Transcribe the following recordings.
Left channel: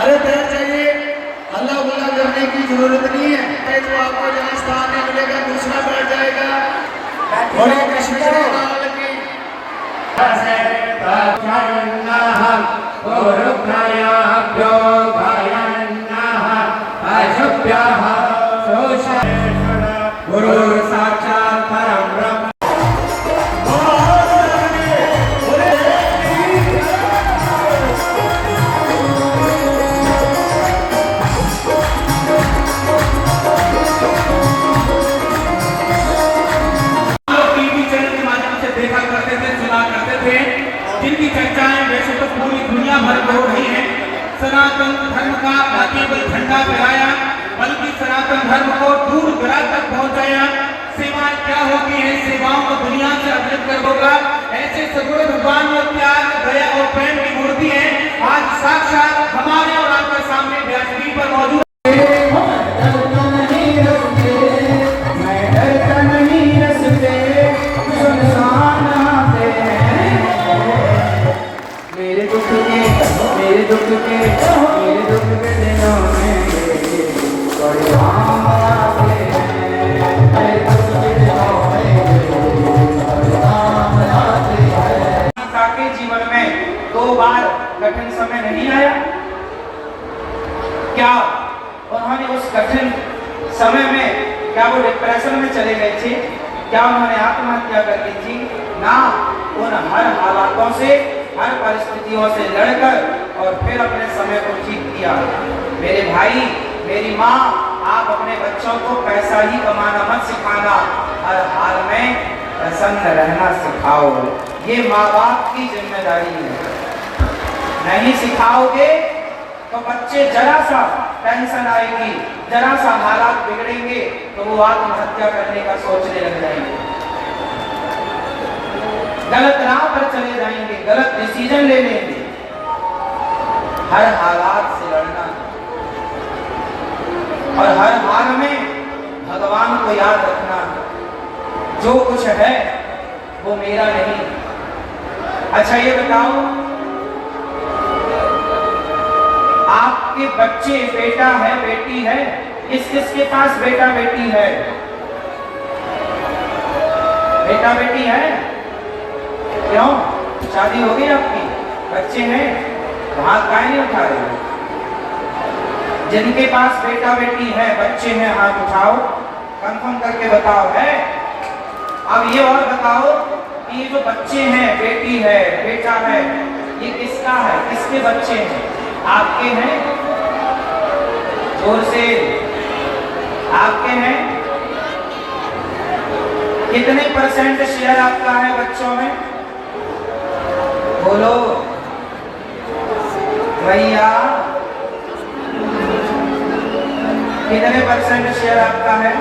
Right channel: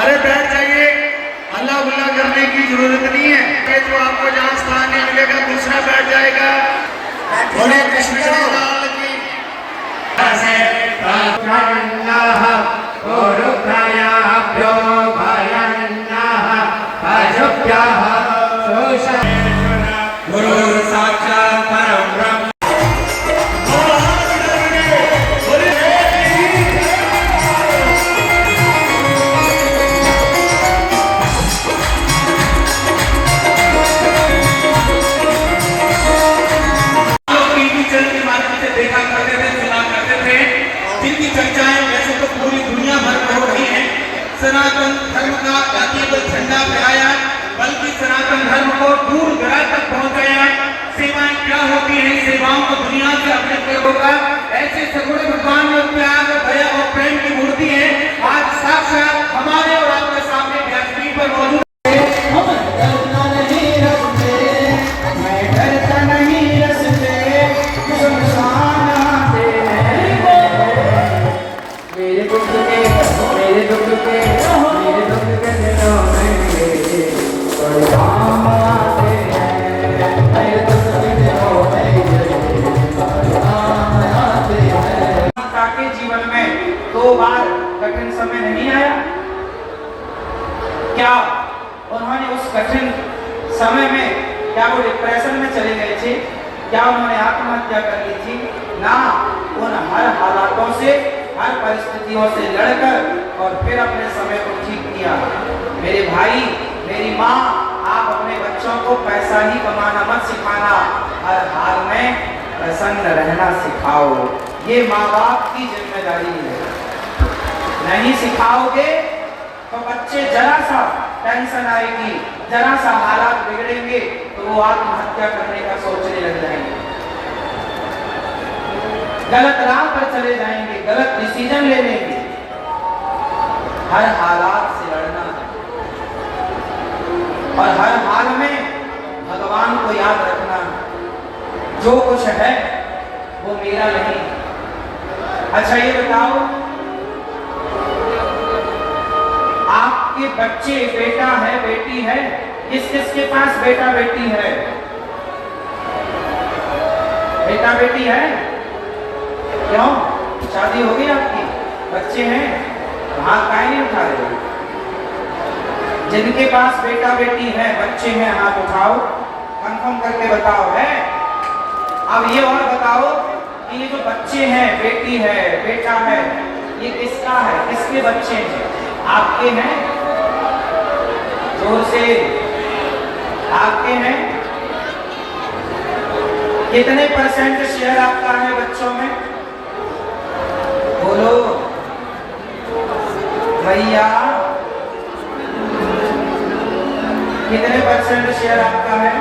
अरे बैठ जाइए, हल्ला गुल्ला करने की जरूरत नहीं है। ये तो आपको जहाँ स्थान नहीं मिलेगा दूसरा बैठ जाएगा। बोले कृष्ण लाल की। गुरु साक्षात परम ब्रह्म। सनातन धर्म का न केवल झंडा फहराया बल्कि सनातन धर्म को दूर दराज तक पहुंचाया। सेवाएं क्या होती है, सेवाओं को दुनिया से अभिव्यक्त होगा। ऐसे सगुण भगवान में प्यार दया और प्रेम की मूर्ति है। आज साक्षात हमारे और आपके सामने व्यासपीठ पर मौजूद कठिन समय नहीं आया क्या? उन्होंने उस कठिन समय में क्या वो डिप्रेशन में चले गए थे? क्या उन्होंने आत्महत्या कर ली थी? ना, उन हर हालातों से, हर परिस्थितियों से लड़कर और फिर अपने समय को ठीक किया। मेरे भाई, मेरी माँ, आप अपने बच्चों को पैसा ही कमाना मत सिखाना, हर हाल में प्रसन्न रहना सिखाओ। ये माँ बाप की जिम्मेदारी है। नहीं सिखाओगे तो बच्चे जरा सा टेंशन आएगी, जरा सा हालात बिगड़ेंगे तो वो आत्महत्या करने का सोचने लग जाएंगे, गलत राह पर चले जाएंगे, गलत डिसीजन ले लेंगे। हर हालात से लड़ना और हर हाल में भगवान को याद रखना, जो कुछ है वो मेरा नहीं। अच्छा ये बताओ, आपके बच्चे बेटा है बेटी है, किस किस के पास बेटा बेटी है? बेटा बेटी है? क्यों? शादी हो गई आपकी? बच्चे हैं? हाथ काहे नहीं उठा रहे? जिनके पास बेटा बेटी है, बच्चे हैं, हाथ उठाओ, कंफर्म करके बताओ। है? अब ये और बताओ कि ये जो बच्चे हैं, बेटी है, बेटा है, ये किसका है? किसके बच्चे हैं? आपके हैं? जोर से, आपके हैं? कितने % शेयर आपका है बच्चों में? बोलो भैया, कितने % शेयर आपका है?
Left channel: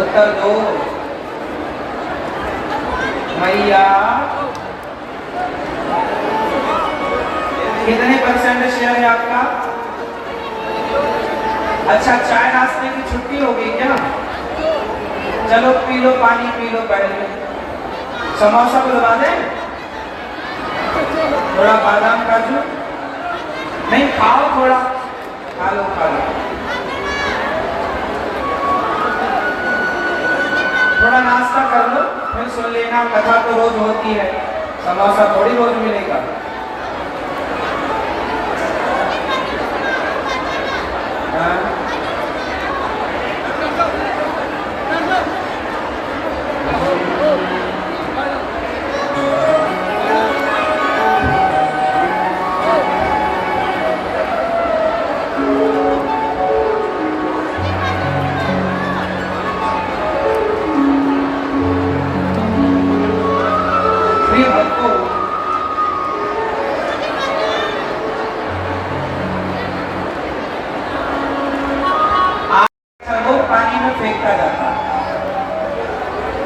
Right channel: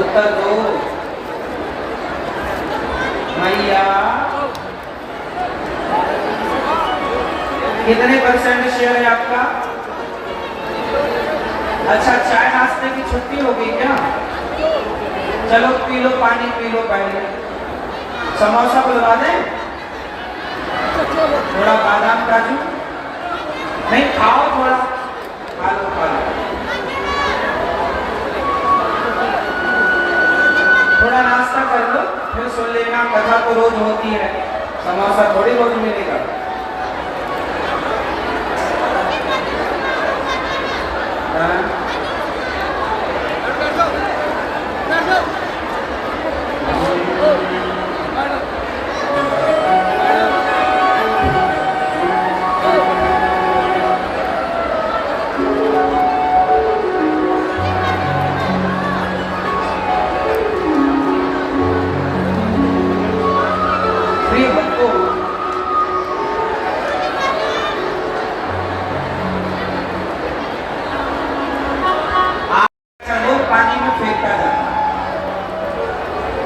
उत्तर दो भैया, कितने % शेयर है आपका? अच्छा, चाय नाश्ते की छुट्टी होगी क्या? चलो पी लो, पानी पी लो पहले। समोसा बुलवा दे, थोड़ा बादाम काजू नहीं खाओ, थोड़ा खा लो, खा लो, थोड़ा नाश्ता कर लो, फिर सुन लेना। कथा तो रोज होती है, समोसा थोड़ी बहुत मिलेगा।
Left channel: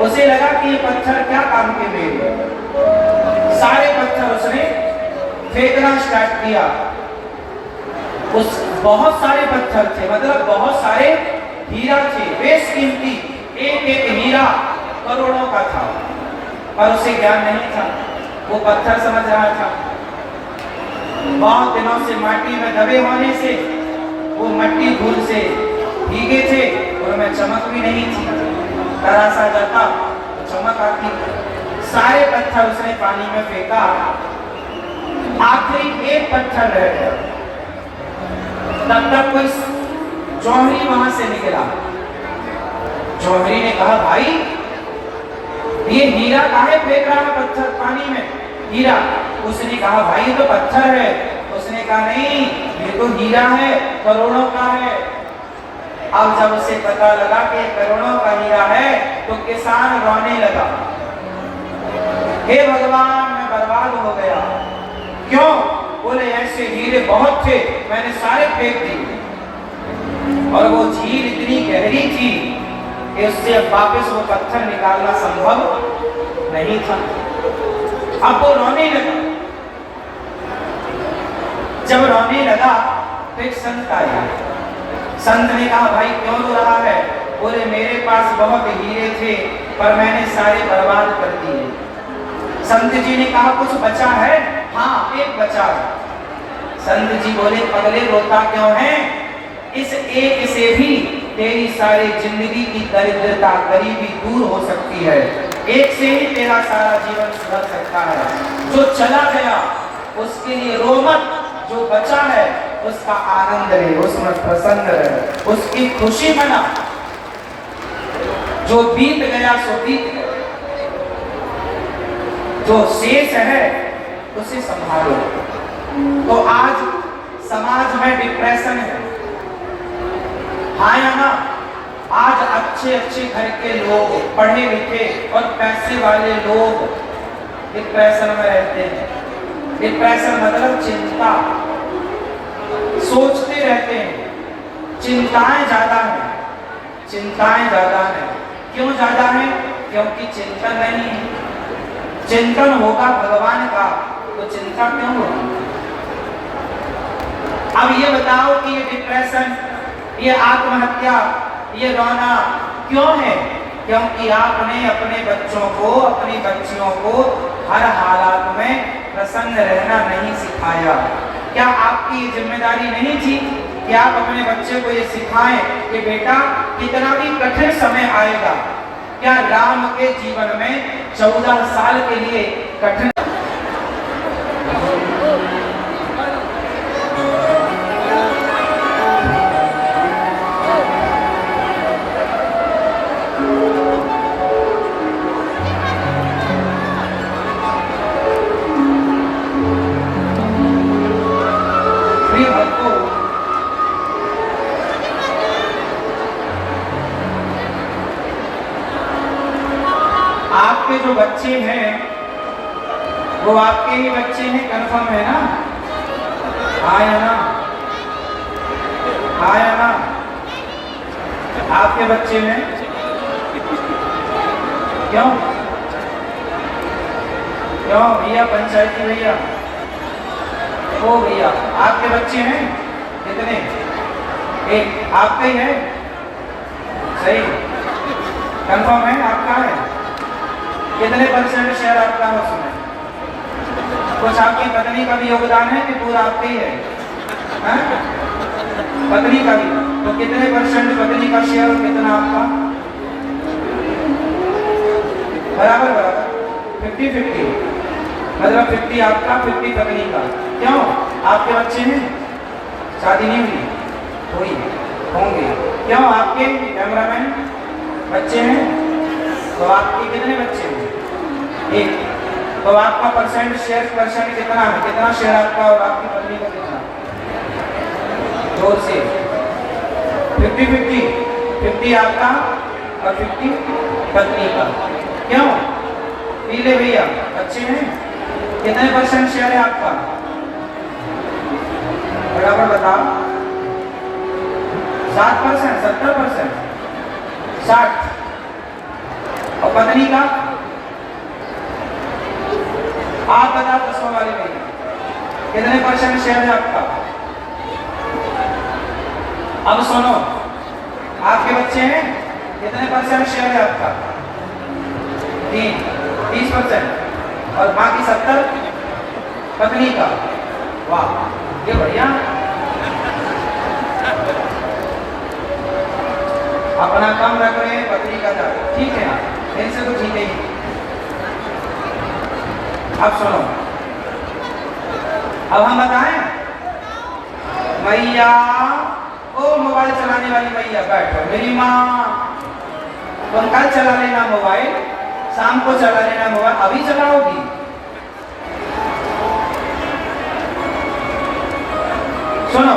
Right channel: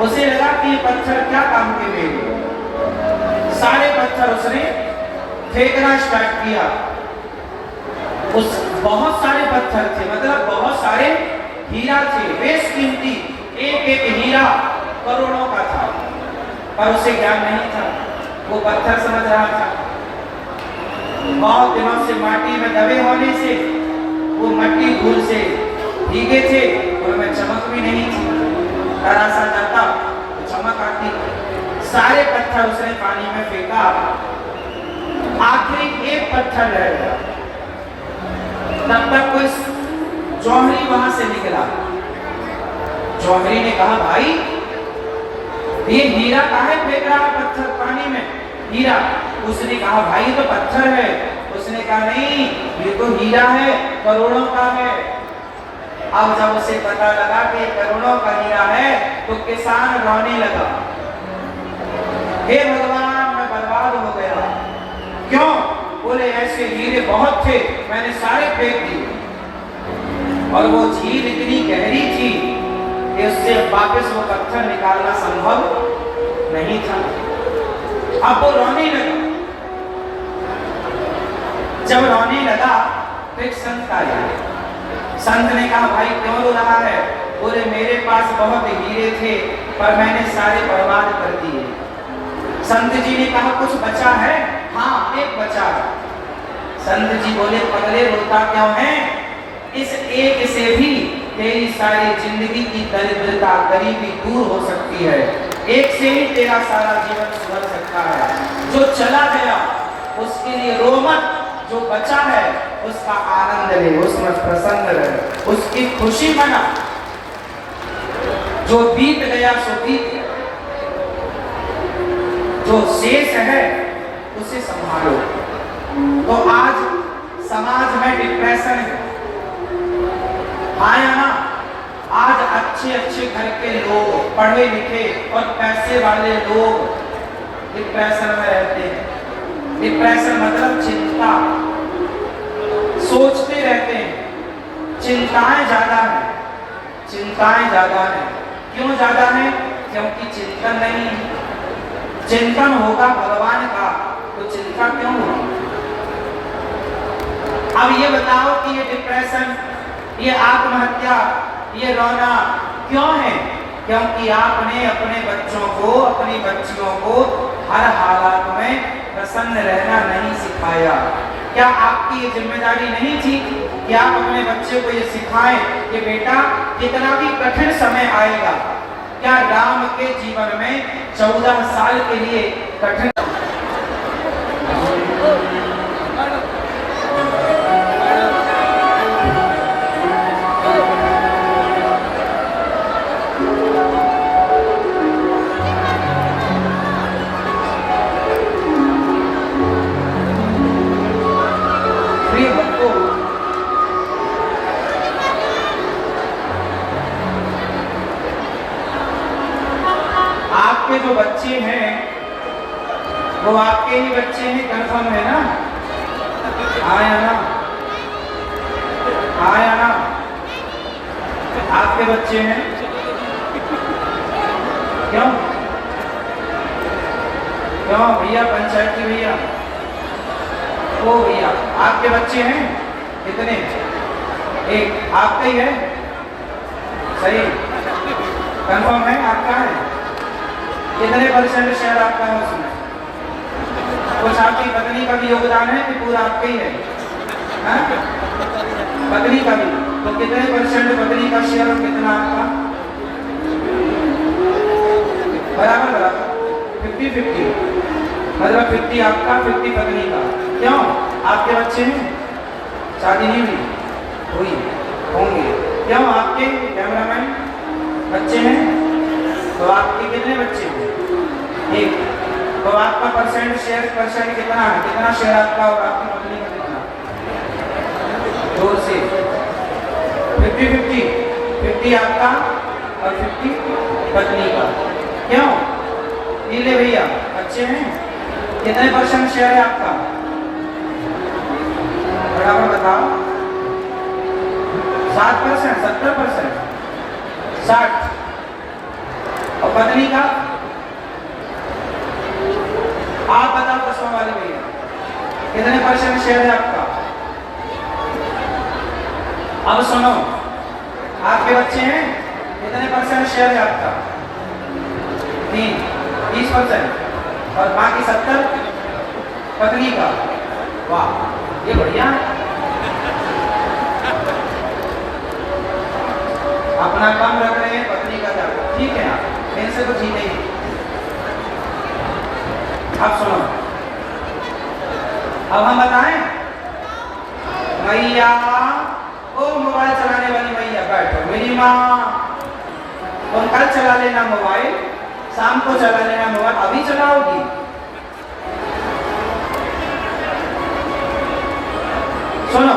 उसे लगा कि ये पत्थर क्या काम के लिए, सारे पत्थर उसने फेंकना स्टार्ट किया। उस बहुत सारे पत्थर थे, मतलब बहुत सारे हीरा थे, बेशकीमती, एक एक हीरा करोड़ों का था, पर उसे ज्ञान नहीं था, वो पत्थर समझ रहा था। बहुत दिनों से माटी में दबे होने से वो मट्टी धूल से भीगे थे, उनमें चमक भी नहीं थी। कड़ा सा जाता तो चमक आती। सारे पत्थर उसने पानी में फेंका, आखिरी एक पत्थर रह गया। तब तक कोई जौहरी वहां से निकला। जौहरी ने कहा, भाई ये हीरा काहे फेंक रहा है पत्थर पानी में? हीरा। उसने कहा, भाई ये तो पत्थर है। उसने कहा, नहीं ये तो हीरा है, करोड़ों का है। अब जब उसे पता लगा कि करोड़ों का हीरा है तो किसान रोने लगा, हे भगवान मैं बर्बाद हो गया। क्यों? बोले ऐसे हीरे बहुत थे, मैंने सारे फेंक दिए, और वो झील इतनी गहरी थी कि उससे वापस वो पत्थर निकालना संभव नहीं था। अब वो रोने लगा। जब रोने लगा तो एक संत आया। संत ने कहा, भाई क्यों रो रहा है? बोले मेरे पास बहुत हीरे थे पर मैंने सारे बर्बाद कर दिए। संत जी ने कहा, कुछ बचा है? हाँ एक बचा। संत जी बोले, पगले रोता क्यों है? इस एक से भी तेरी सारी जिंदगी की दरिद्रता गरीबी दूर हो सकती है। एक से ही तेरा सारा जीवन सुधर सकता है। जो चला गया उसके लिए रो मत, जो बचा है उसका आनंद ले, उसमें प्रसन्न रहे, उसकी खुशी मना। जो बीत गया सो बीत गया, जो शेष है उसे संभालो। तो आज समाज में डिप्रेशन है, हाँ या ना? आज अच्छे अच्छे घर के लोग, पढ़े लिखे और पैसे वाले लोग डिप्रेशन में रहते हैं। डिप्रेशन मतलब चिंता, सोचते रहते हैं, चिंताएं ज्यादा है, चिंताएं ज्यादा है। क्यों ज्यादा है? क्योंकि चिंतन नहीं है। चिंतन होगा भगवान का तो चिंता क्यों होगी? अब ये बताओ कि ये डिप्रेशन, ये आत्महत्या, ये रोना क्यों है? क्योंकि आपने अपने बच्चों को, अपनी बच्चियों को हर हालात में प्रसन्न रहना नहीं सिखाया। क्या आपकी ये जिम्मेदारी नहीं थी कि आप अपने बच्चे को ये सिखाएं कि बेटा कितना भी कठिन समय आएगा? क्या राम के जीवन में 14 साल के लिए कठिन जो बच्चे हैं वो आपके ही बच्चे हैं, कंफर्म है ना? आया ना? आया ना? आपके बच्चे हैं। क्यों क्यों भैया, पंचायती भैया, ओ भैया आपके बच्चे हैं कितने? एक आपके ही है? सही, कंफर्म है? आपका है? कितने % का भी योगदान है कि पूरा आपके ही है? हाँ? पत्नी का भी। तो कितने परसेंट पत्नी का शेयर और कितना आपका? बराबर बराबर 50-50, मतलब 50 आपका 50 पत्नी का। क्यों? आपके बच्चे हैं, शादी नहीं हुई, होंगे। क्यों? आपके कैमरामैन बच्चे हैं, तो आपके कितने बच्चे हैं? एक। तो आपका परसेंट शेयर कितना है? कितना शेयर आपका और आपकी पत्नी का कितना? 2 से 50-50, 50 आपका और 50 पत्नी का। क्यों? पीले भैया बच्चे हैं, कितने परसेंट शेयर है आपका? बराबर बताओ। 7%, 70%, 60। और पत्नी का? आप बताओ 10 वाले में कितने परसेंट शेयर है आपका? अब सुनो, आपके बच्चे हैं, कितने परसेंट शेयर है आपका? 30%। और बाकी 70 पत्नी का। वाह, ये बढ़िया। अपना काम रख रहे हैं, पत्नी का था, ठीक है ना? इनसे तो जीते ही। अब सुनो, अब हम बताएं, मैया ओ मोबाइल चलाने वाली मैया बैठो, मेरी माँ तुम कल चला लेना मोबाइल, शाम को चला लेना मोबाइल, अभी चलाओगी? सुनो,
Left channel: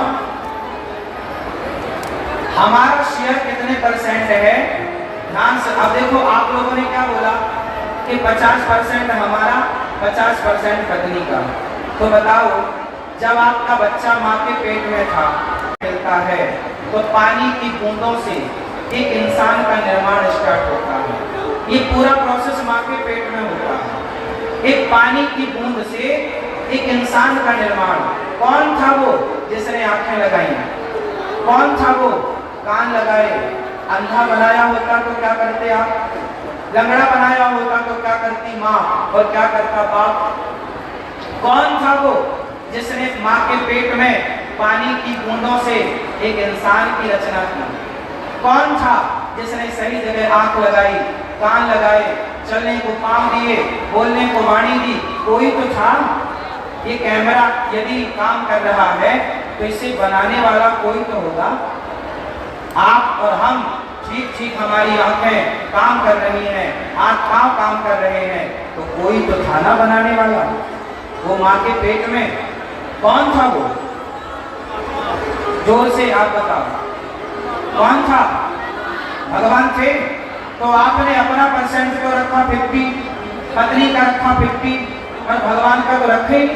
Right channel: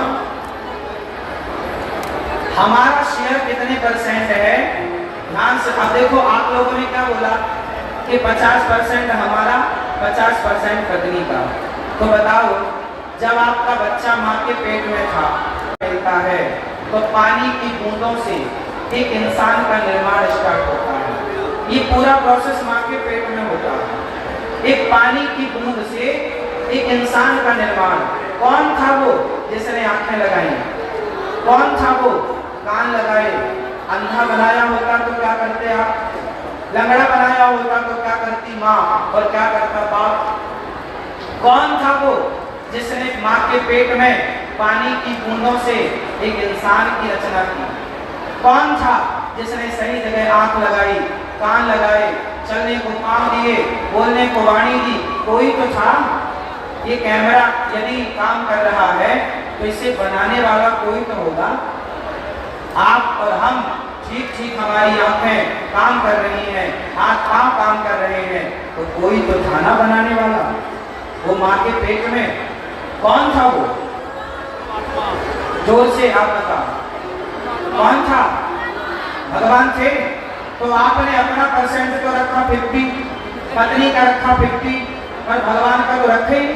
हमारा शेयर कितने परसेंट है? ध्यान से। अब देखो, आप लोगों ने क्या बोला कि 50% हमारा, 50% पत्नी का। तो बताओ, जब आपका बच्चा माँ के पेट में था, मिलता है, तो पानी की बूंदों से एक इंसान का निर्माण स्टार्ट होता है। ये पूरा प्रोसेस माँ के पेट में होता है। एक पानी की बूंद से एक इंसान का निर्माण। कौन था वो जिसने आंखें लगाई? कौन था वो कान लगाए? अंधा बनाया होता तो क्या करते आप? लंगड़ा बनाया होता तो क्या करती माँ और क्या करता बाप? कौन था वो जिसने माँ के पेट में पानी की बूंदों से एक इंसान की रचना की? कौन था जिसने सही जगह आंख लगाई, कान लगाए, चलने को पांव दिए, बोलने को वाणी दी? कोई तो था। ये कैमरा यदि काम कर रहा है तो इसे बनाने वाला कोई तो होगा। आप और हम, ठीक ठीक हमारी आंखें काम कर रही हैं, हाथ पांव काम कर रहे हैं, तो कोई तो था ना बनाने वाला। वो माँ के पेट में कौन था वो? जोर से आप बताओ, कौन था? भगवान थे। तो आपने अपना परसेंट तो रखा 50, पत्नी का रखा 50, और भगवान का तो रखे ही।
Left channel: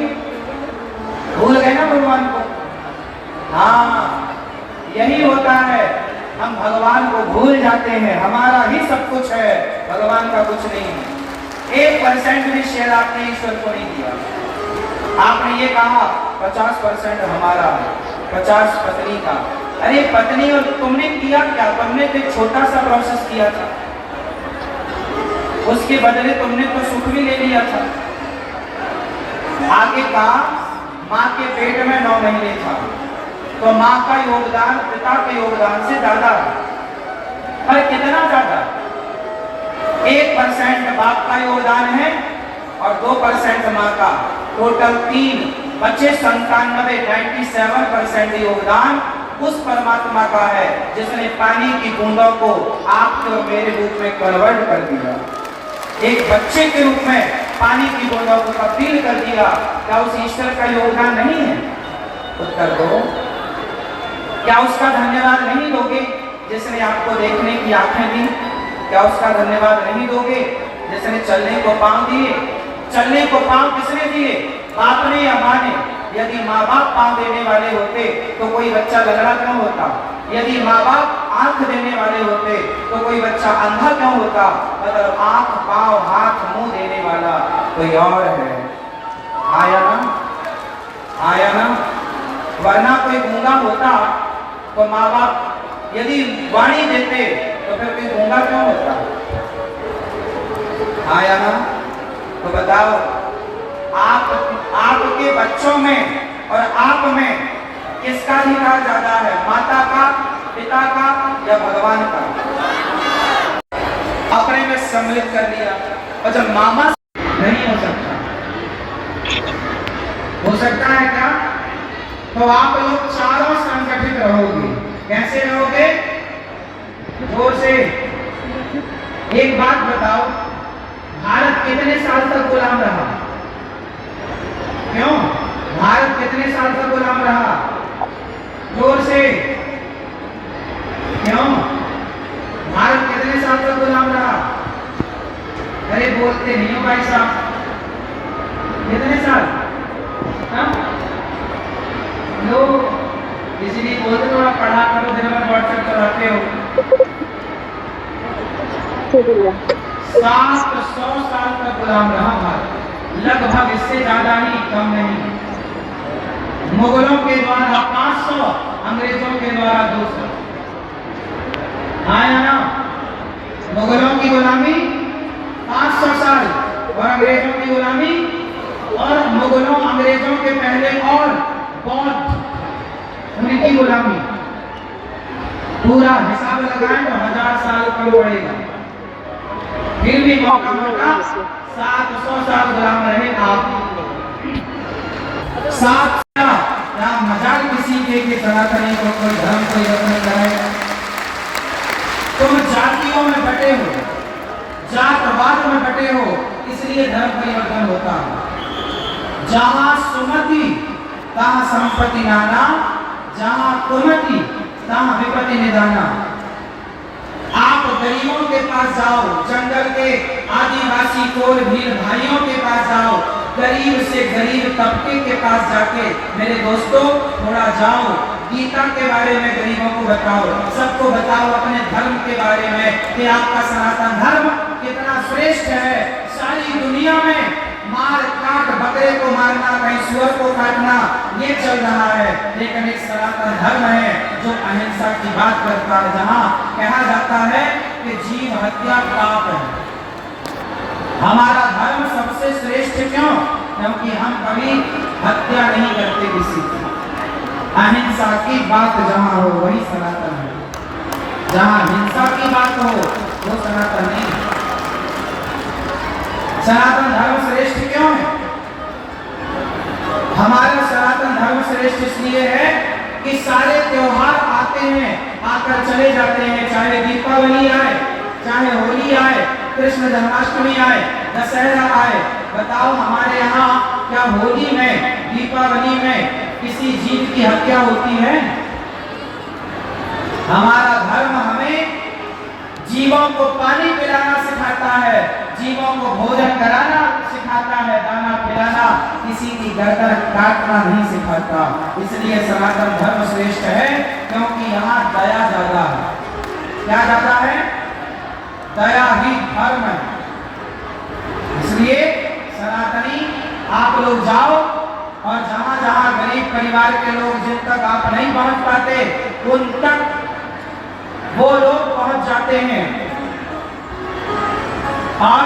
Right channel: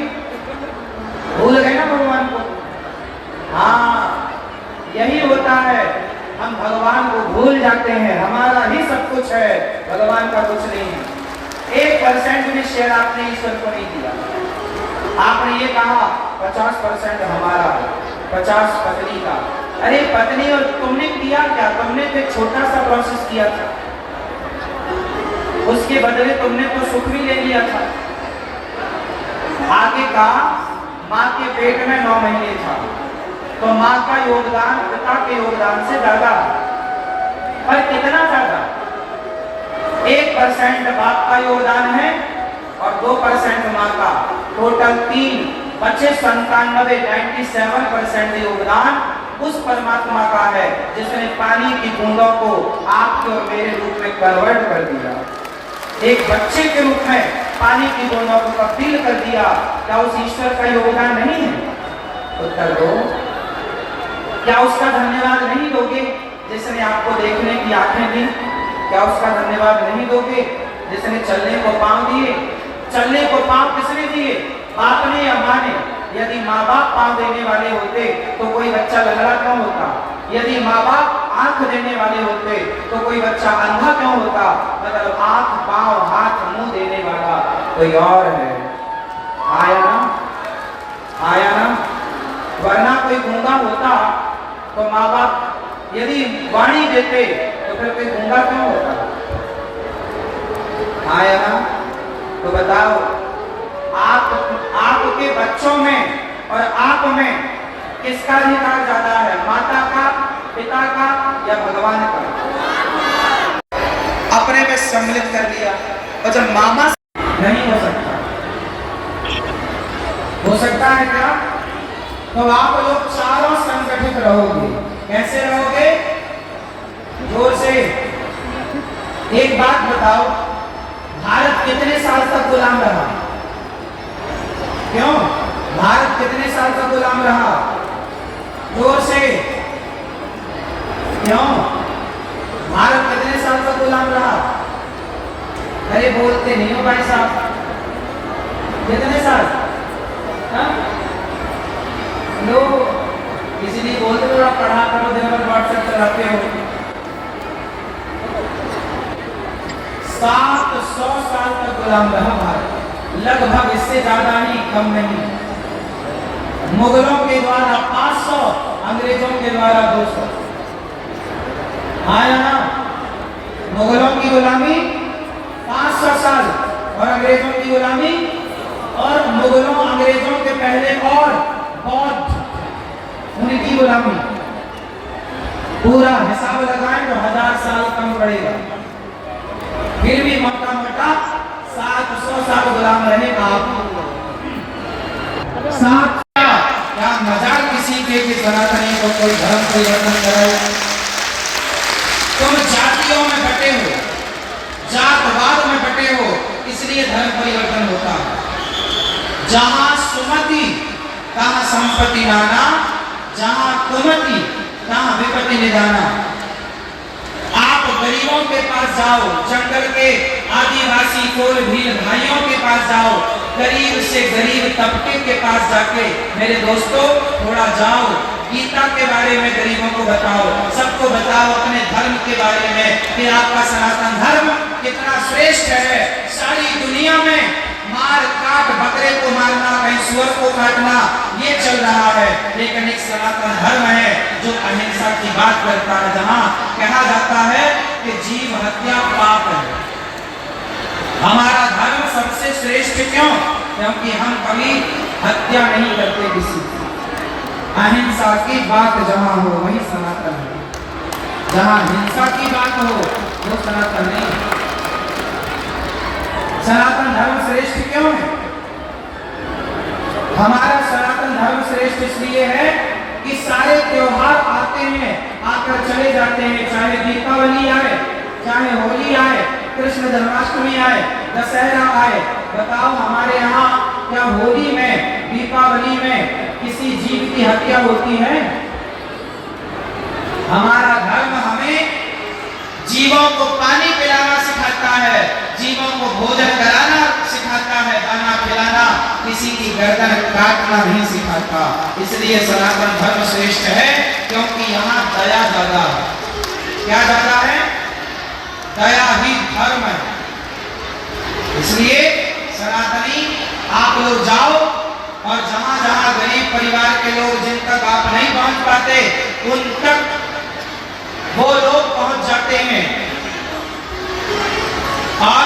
भूल गए ना भगवान को? हाँ, यही होता है, हम भगवान को भूल जाते हैं। हमारा ही सब कुछ है, भगवान का कुछ नहीं है। 1% भी शेयर आपने ईश्वर को नहीं दिया। आपने ये कहा 50% हमारा, 50 पत्नी का। अरे पत्नी, और तुमने किया क्या? तुमने तो एक छोटा सा प्रोसेस किया था, उसके बदले तुमने तो सुख भी ले लिया था। आगे का माँ के पेट में 9 महीने था, तो माँ का योगदान पिता के योगदान से ज्यादा। पर कितना ज्यादा? 1% बाप का योगदान है और 2% माँ का। टोटल 3 बचे 97% योगदान उस परमात्मा का है जिसने पानी की बूंदों को आपके और मेरे रूप में कन्वर्ट कर दिया, एक बच्चे के रूप में पानी की बूंदों को तब्दील कर दिया। क्या उस ईश्वर का योगदान नहीं है? उत्तर दो। क्या उसका धन्यवाद नहीं दोगे जिसने आपको देखने की आंखें दी? क्या उसका धन्यवाद नहीं दोगे जिसने चलने को पांव दिए? चलने को पांव किसने दिए? बाप ने या माँ ने? यदि माँ बाप पांव देने वाले होते तो कोई बच्चा लंगड़ा क्यों होता? यदि माँ बाप आंख देने वाले होते तो कोई बच्चा अंधा क्यों होता? मतलब आंख, पांव, हाथ, मुंह देने वाला कोई और है। आया ना? आया ना? वरना कोई गूंगा होता तो माँ बाप यदि वाणी देते तो फिर कोई गूंगा क्यों होता? आया ना? तो बताओ, आपके बच्चों में और आप में किसका अधिकार ज्यादा है, माता का, पिता का या भगवान का? अपने में सम्मिलित कर लिया। और जब मामा नहीं हो सकता, हो सकता है क्या? तो आप लोग चारों संगठित रहोगे। कैसे रहोगे? जोर से एक बात बताओ, भारत कितने साल तक गुलाम रहा? क्यों? भारत कितने साल तक गुलाम रहा? जोर से क्यों? भारत कितने साल तक गुलाम रहा? अरे बोलते नहीं हो भाई साहब, कितने साल? लो इसलिए बोलते थोड़ा पढ़ा करो, दिन भर व्हाट्सएप चलाते हो। 700 साल तक गुलाम रहा भारत, लगभग, इससे ज्यादा नहीं, कम नहीं। मुगलों के द्वारा 500, अंग्रेजों के द्वारा 200। आया ना? मुगलों की गुलामी 500 साल और अंग्रेजों की गुलामी, और मुगलों अंग्रेजों के पहले और बौद्ध, उनकी गुलामी। पूरा हिसाब लगाएं तो 1000 साल कम पड़ेगा। फिर भी मौका मौका 700 साल गुलाम रहे आप। 7 क्या मजाक किसी के कि सनातनी को कोई धर्म परिवर्तन कराए? तुम जातियों में बटे हो, जातवाद में बटे हो, इसलिए धर्म परिवर्तन होता है। जहां सुमति तहां संपत्ति नाना, जहां कुमति तहां विपत्ति निदाना। आप गरीबों के पास जाओ, जंगल के आदिवासी कोल भील भाइयों के पास जाओ, गरीब से गरीब तबके के पास जाके मेरे दोस्तों थोड़ा जाओ, गीता के बारे में गरीबों को बताओ, सबको बताओ अपने धर्म के बारे में कि आपका सनातन धर्म कितना श्रेष्ठ है। सारी दुनिया में मार काट, बकरे को मारना, कहीं सुअर को काटना, ये चल रहा है, लेकिन एक सनातन धर्म है जो अहिंसा की बात करता है, जहां कहा जाता है कि जीव हत्या पाप है। हमारा धर्म सबसे श्रेष्ठ क्यों? क्योंकि हम कभी हत्या नहीं करते किसी की। अहिंसा की बात जहां हो वही सनातन है, जहां हिंसा की बात हो वो सनातन नहीं। सनातन धर्म श्रेष्ठ क्यों है? हमारा सनातन धर्म श्रेष्ठ इसलिए है कि सारे त्योहार आते हैं, आकर चले जाते हैं, चाहे दीपावली आए, चाहे होली आए, कृष्ण जन्माष्टमी आए, दशहरा आए। बताओ हमारे यहाँ क्या होली में, दीपावली में किसी जीव की हत्या होती है? हमारा धर्म हमें जीवों को पानी पिलाना सिखाता है, जीवों को भोजन कराना सिखाता है, दाना खिलाना, किसी की गर्दन काटना नहीं सिखाता। इसलिए सनातन धर्म श्रेष्ठ है क्योंकि यहाँ दया ज्यादा है। क्या ज्यादा है? दया ही धर्म है। इसलिए सनातनी आप लोग जाओ और जहां जहां गरीब परिवार के लोग जिन तक आप नहीं पहुंच पाते उन तक वो लोग पहुंच जाते हैं और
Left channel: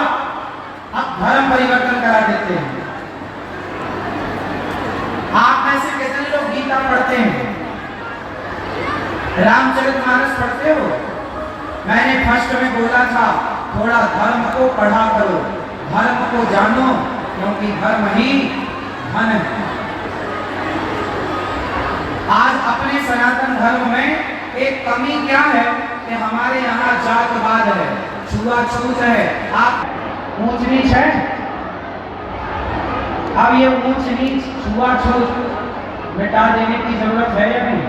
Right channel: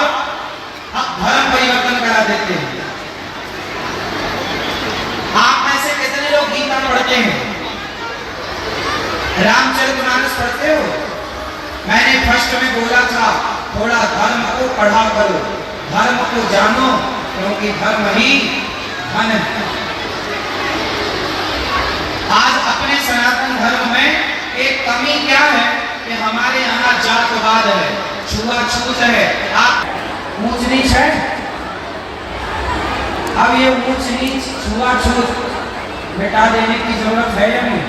अब धर्म परिवर्तन करा देते हैं। आप में से कितने लोग गीता पढ़ते हैं? रामचरितमानस पढ़ते हो? मैंने फर्स्ट में बोला था थोड़ा धर्म को पढ़ा करो, धर्म को जानो, क्योंकि धर्म ही धन है। आज अपने सनातन धर्म में एक कमी क्या है कि हमारे यहाँ जातवाद है, छुआछूत है, आप ऊंच नीच है। अब ये ऊंच नीच, छुआछूत मिटा देने की जरूरत है या नहीं?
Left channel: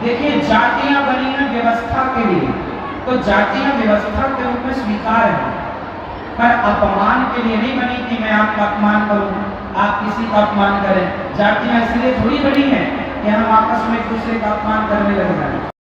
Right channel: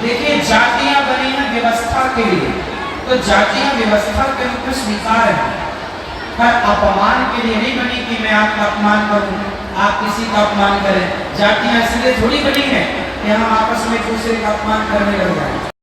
देखिए जातियां बनी हैं व्यवस्था के लिए, तो जातियां व्यवस्था के रूप में स्वीकार है, पर अपमान के लिए नहीं बनी कि मैं आपका अपमान करूं, आप किसी का अपमान करें। जातियां इसलिए थोड़ी बनी है कि हम आपस में एक दूसरे का अपमान करने लग जाए।